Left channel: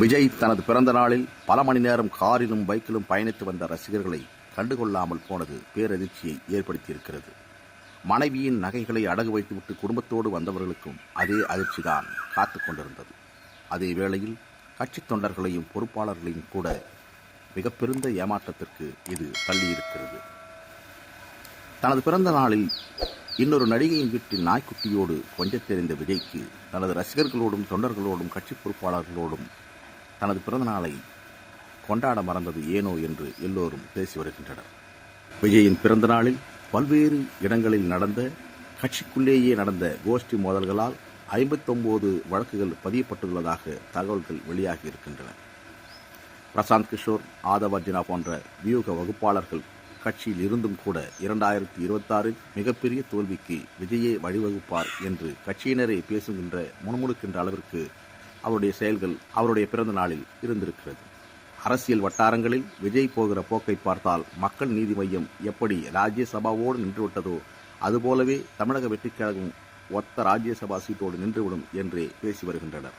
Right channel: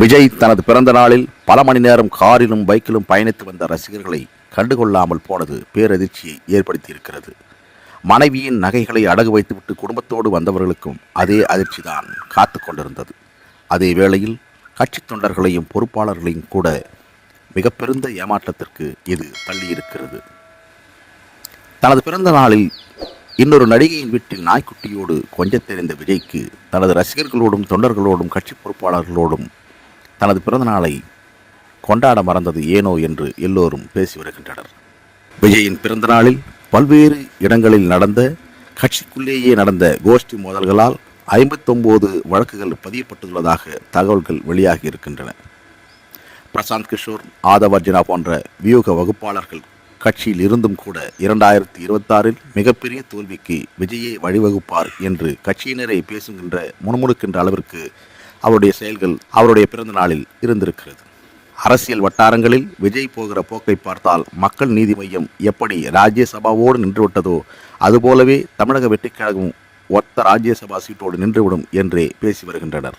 விஜய் தனது பிறந்த நாளில் பல மணி நேரம் காரிலும் பைக்கிலும் பயணித்து வந்த ரசிகர்களை கண்டுகொள்ளாமல் போனது பேரதிர்ச்சியை ஏற்படுத்தியிருக்கிறது. மனைவியின் நகைகளை அடகு வைத்துவிட்டு குடும்பத்தோடு வந்தவர்களுக்கும் அதே அதிர்ச்சி தான் காத்து கொண்டிருந்தது. அதே வேளையில் கட்சித் தொண்டர்களையும் பொறுப்பாளர்களையும் கூட மிக பெருந்த ஏமாற்றத்திற்கு இது தள்ளியிருக்கிறது. தனது பிறந்த நாளில் இன்னொரு நடிகையின் வீட்டில் நாய்க்குட்டியோடு கொஞ்சத்தெறிந்த விஜய்க்கு தனது ரசிகர்களோடும் தொண்டர்களோடும் கட்சி பொறுப்பாளர்களோடும் தனது பிறந்த நாளை கொண்டாட மறந்தது ஏனோ என்று எல்லோரும் பேசி வருகின்றனர். விஜயின் பிறந்த நாளில் பல்வேறு இடங்களில் நடந்த கட்சிக்குள்ளேயே நடந்த கோஷ்டி மோதல்களால் ஐம்பத்தொம்போது வழக்குகள் பதியப்பட்டுள்ளதாக தகவல்கள் வெளியாகி இருக்கின்றன. பிரசாந்த் கிஷோர் ஆதவர்ஜினா போன்ற வியூக வகுப்பாளர்கள் கட்சியில் இருந்தும் கூட இரண்டாயிரத்தி இருபத்தாறில் மிகப்பெரிய தோல்விக்கு விஜயே வழிவகுப்பார் என்று கட்சியினரை பேசுகின்ற முணுமுணுக்கின்ற அளவிற்கு அவருடைய செயல்கள் அவருடைய பிறந்த நாளில் இருந்திருக்கிறது. அரசியல் வட்டாரங்களில் விஜய் போகிற போக்கை பார்த்தால் மக்கள் நீதி மையம் எப்படி ராஜ்யசபாவோடு நின்றுவிட்டதோ அதுபோலவே தமிழக வெற்றிக்கழகம் ஒத்த ராஜ்யசபா சீட்டோடு நின்றுவிடும் என்றே பேசி வருகின்றனர்.